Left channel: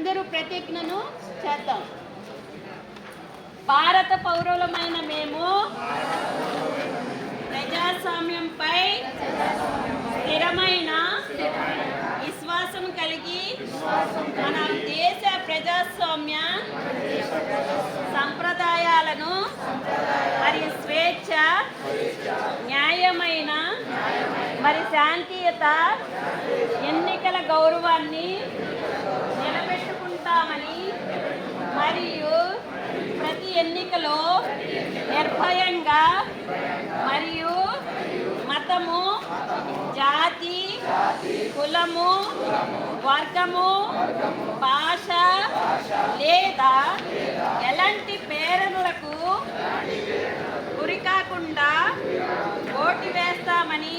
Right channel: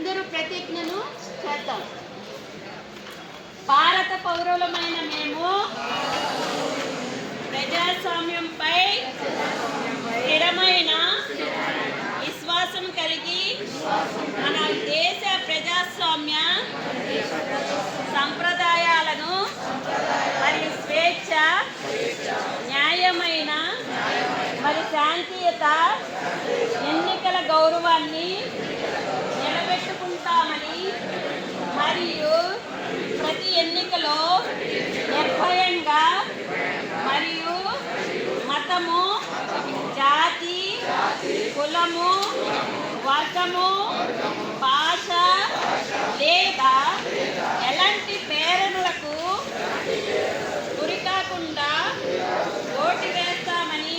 అందరూ ప్రతిజ్ఞను చేద్దాం. భారత పౌరులమైన మేము ప్రజాస్వామ్యంపై స్థిరమైన విశ్వాసం కలిగి మన దేశ ప్రజాస్వామ్య సంప్రదాయాలను మరియు స్వేచ్ఛ, న్యాయమైన మరి శాంతియుత ఎన్నికల గౌరవాన్ని నిలబెట్టుకుంటామని మరియు ప్రతి ఎన్నికలో నిర్భయంగా మరియు మతము, జాతి, కులము, వర్గము, భాష లేదా ఎలాంటి ప్రేరణలకు గురికాకుండా ఓటు వేస్తామని